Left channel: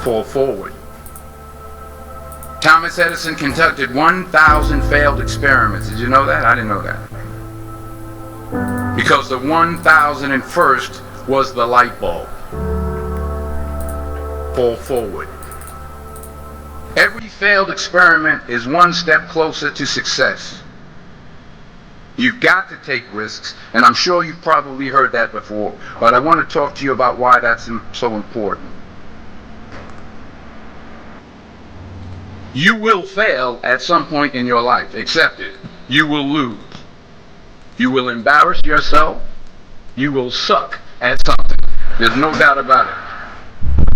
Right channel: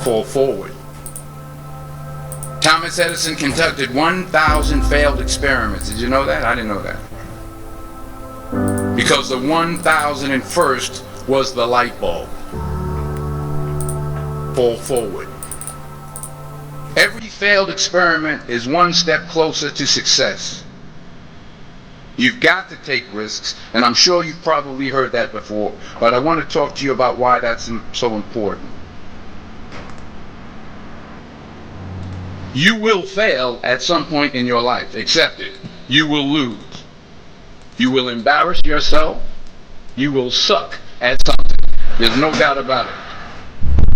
fall forward. Thomas Edison conducted 1,000 failed experiments. Did you know that? I didn't know that. Because the 1,001st was the light bulb. Fall forward. Every failed experiment is one step closer to success. You've got to take risks, and I'm sure you've probably heard that before, but I want to talk to you about why that's so important. You will fail at some point in your life. Accept it. You will lose. You will embarrass yourself. You will suck at something. There's no doubt about it.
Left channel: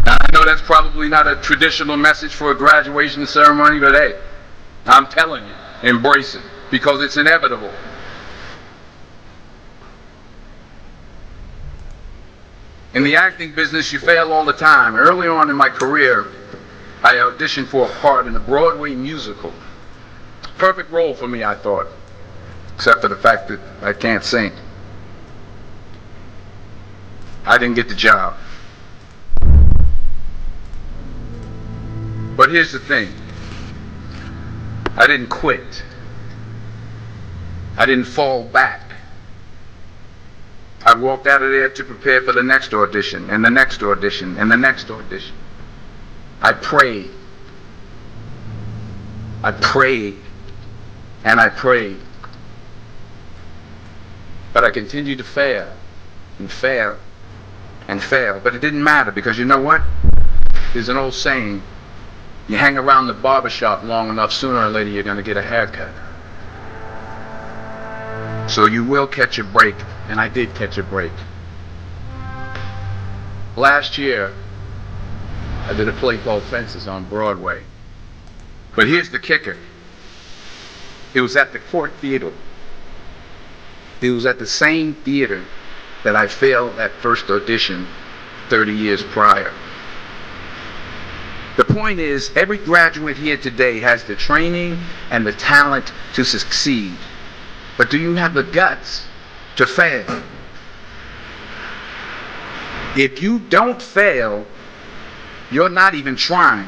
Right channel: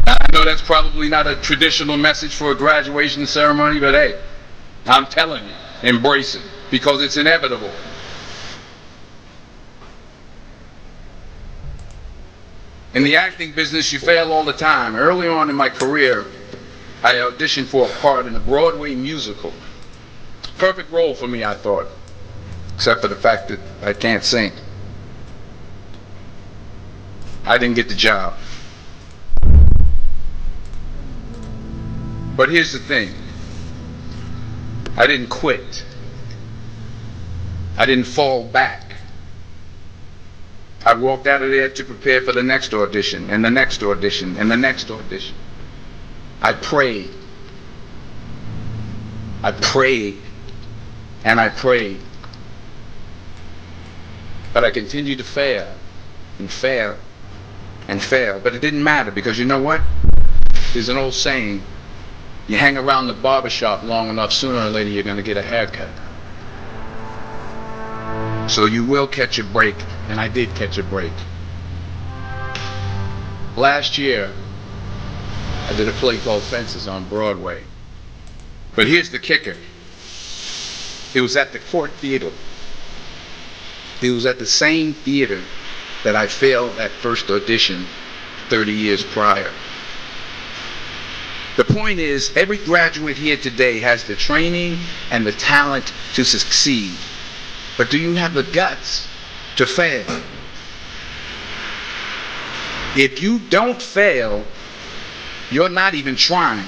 Now, I know that's probably not a traditional message for a graduation ceremony, but hey, I'm telling you, embrace it, because it's inevitable. In the acting business, you fail all the time. Early on in my career, I auditioned for a part in a Broadway musical. Perfect role for me, I thought, except for the fact that I can't sing. I didn't get the job. But here's the thing. I didn't quit. I didn't fall back. I walked out of there to prepare for the next audition, and the next audition, and the next audition. I prayed. I prayed. And I prayed. But I continued to fail, and fail, and fail. But it didn't matter, because you know what? There's an old saying, you hang around the barbershop long enough, sooner or later you're going to get a haircut. So you will catch a break, and I did catch a break. Last year, I did a play called Fences on Broadway. But here's the kicker. It was at the Court Theater. It was at the same theater that I failed that first audition 30 years prior. The point is, every graduate here today has the training and the talent to succeed. But do you have the guts to fail? If you don't fail, you're not even trying.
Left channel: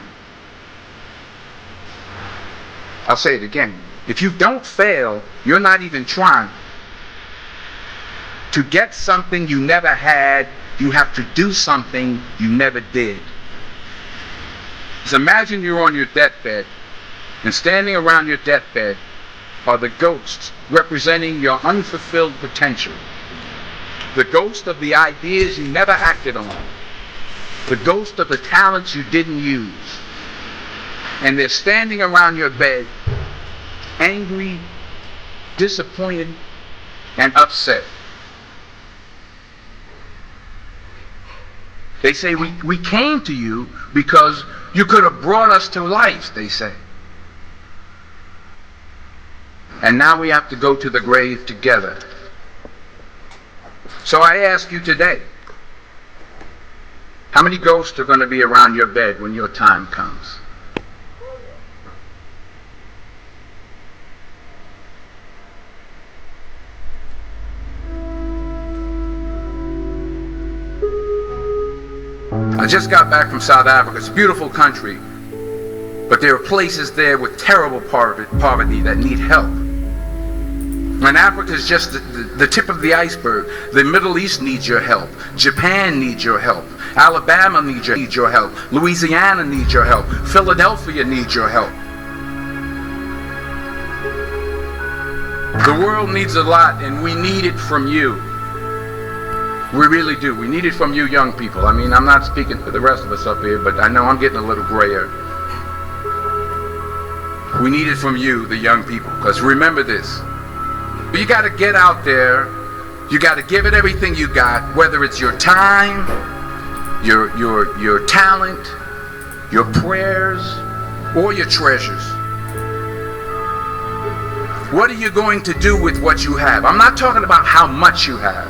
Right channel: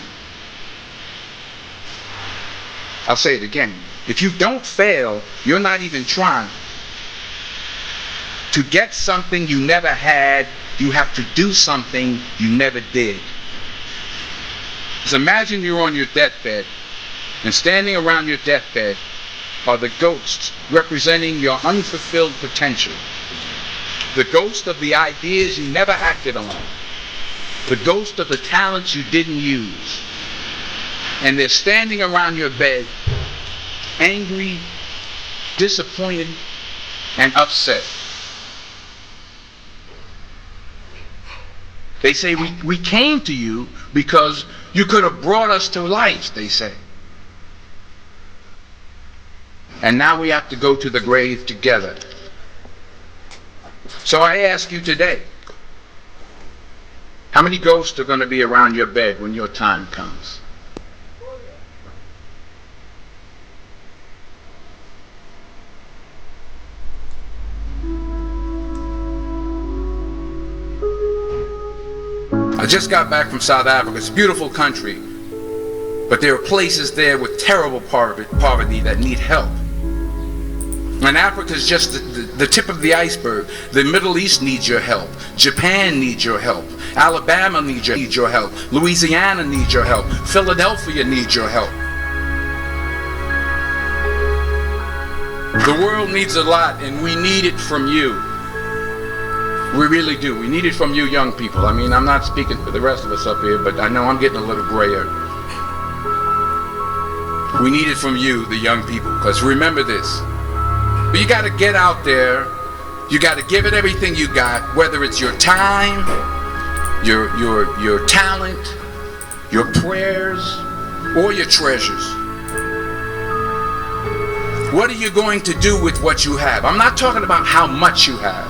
I'll say it again. If you don't fail, you're not even trying. To get something you never had, you have to do something you never did. So imagine you're on your deathbed, and standing around your deathbed are the ghosts representing your unfulfilled potential. The ghost of the ideas you never acted on. The ghost of the talents you didn't use. And they're standing around your bed, angry, disappointed, and upset. They say, we came to you because you could have brought us to life, they say. And now we have to go to the grave together. So I ask you today, how many ghosts are going to be around your bed when your time comes? I just got back from South Africa. It's a beautiful country, but there are places there with terrible poverty that need help. And Africa is just the tip of the iceberg. The Middle East needs your help. Japan needs your help. Alabama needs your help. Louisiana needs your help. Philadelphia needs your help. The world needs a lot, and we need it from you. We really do. We need it from you young people. I mean, I'm not speaking for the rest of us up here, but I know I'm getting a little grayer. We need it from you, the young people, because remember this. You got to get out there. You got to give it everything you got, whether it's your time, your talent, your prayers, or your treasures. What are you going to do with what you have? I'm not talking about how much you have.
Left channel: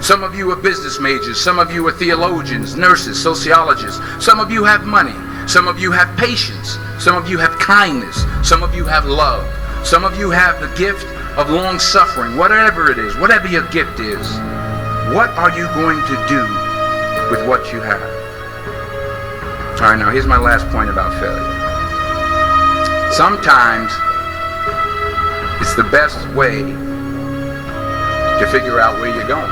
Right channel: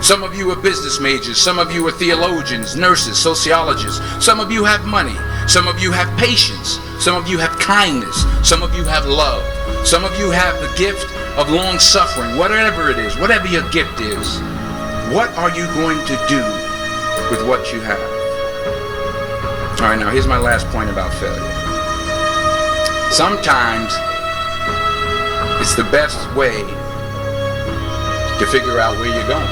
Some of you are business majors. Some of you are theologians, nurses, sociologists. Some of you have money. Some of you have patience. Some of you have kindness. Some of you have love. Some of you have the gift of long suffering. Whatever it is, whatever your gift is, what are you going to do with what you have? All right, now here's my last point about failure. Sometimes it's the best way to figure out where you're going.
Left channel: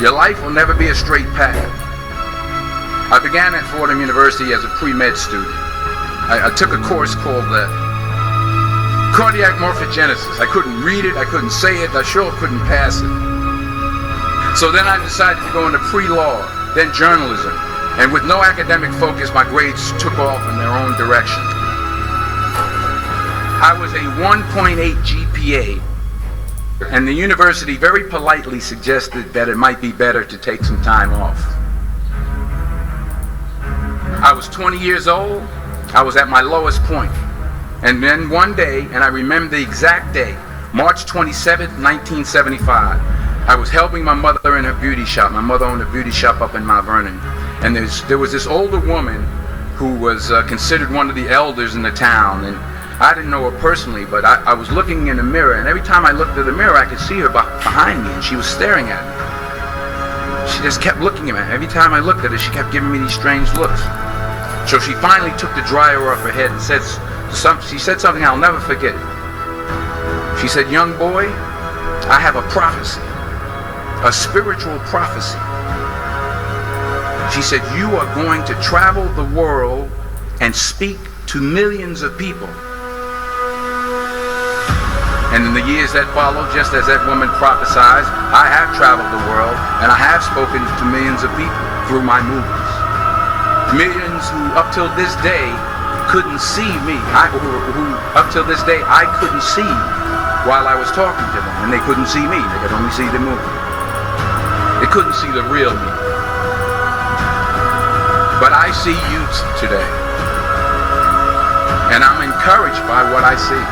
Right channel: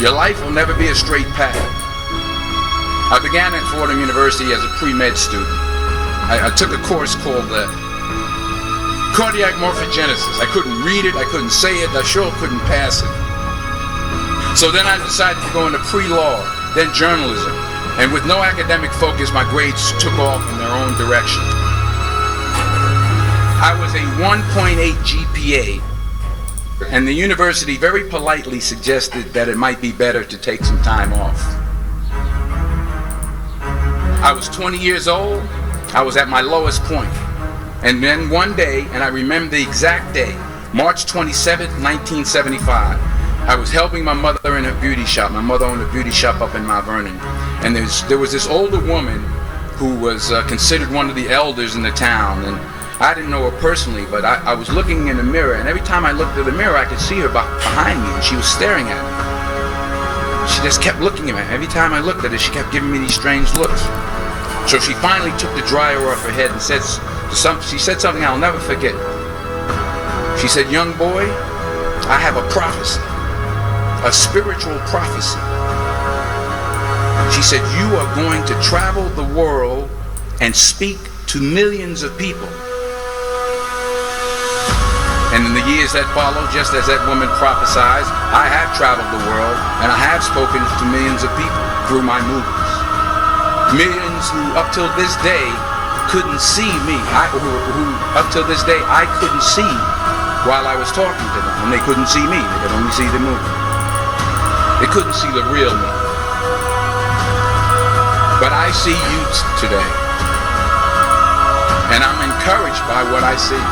Your life will never be a straight path. I began at Fordham University as a pre-med student. I took a course called cardiac morphogenesis. I couldn't read it, I couldn't say it, I sure couldn't pass it. So then I decided to go into pre-law, then journalism. And with no academic focus, my grades took off in their own direction. I was a 1.8 GPA, and the university very politely suggested that it might be better to take some time off. I was 20 years old, I was at my lowest point. And then one day, and I remember the exact day, March 27th, 1975, I was helping my mother in her beauty shop. My mother owned a beauty shop up in Mount Vernon. And there was this older woman who was considered one of the elders in the town. And I didn't know her personally, but I was looking in the mirror, and every time I looked at the mirror, I could see her behind me, and she was staring at me. She just kept looking at me. Every time I looked at her, she kept giving me these strange looks. So she finally took the dryer off her head and she said something I'll never forget. She said, "Young boy, I have a prophecy, a spiritual prophecy." She said, "You are going to travel the world and speak to millions of people." And in the years that followed, just as that woman prophesied, I have traveled the world and I have spoken to millions of people through my movies. Millions who up till this day couldn't see me, who up till this day I couldn't see while I was talking to them, and they couldn't see me, they could only see the movie. They couldn't see the real me. But I see you today, and I'm encouraged by what I see.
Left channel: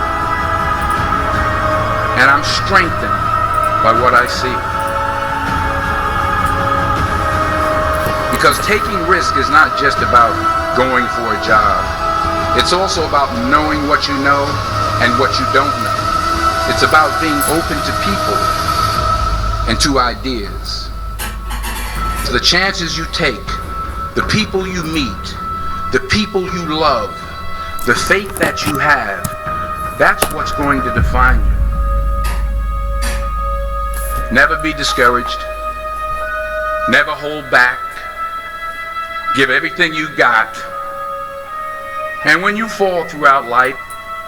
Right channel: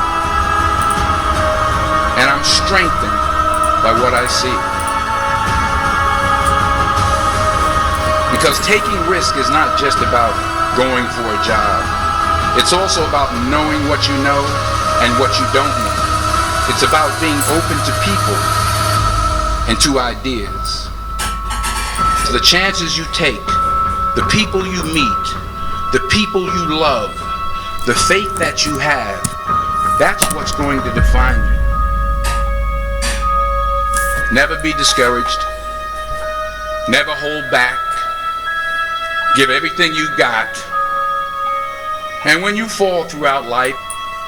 And I'm strengthened by what I see. Because taking risk is not just about going for a job. It's also about knowing what you know and what you don't know. It's about being open to people and to ideas. So the chances you take, the people you meet, the people you love, the faith that you have, that's what's going to define you. Never be discouraged. Never hold back. Give everything you got. And when you fall throughout life,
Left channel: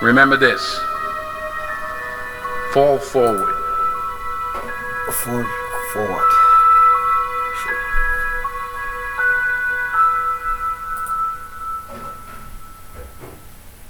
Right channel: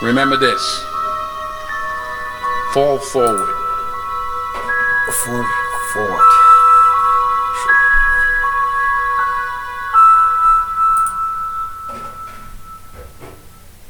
remember this. Fall forward. Forward.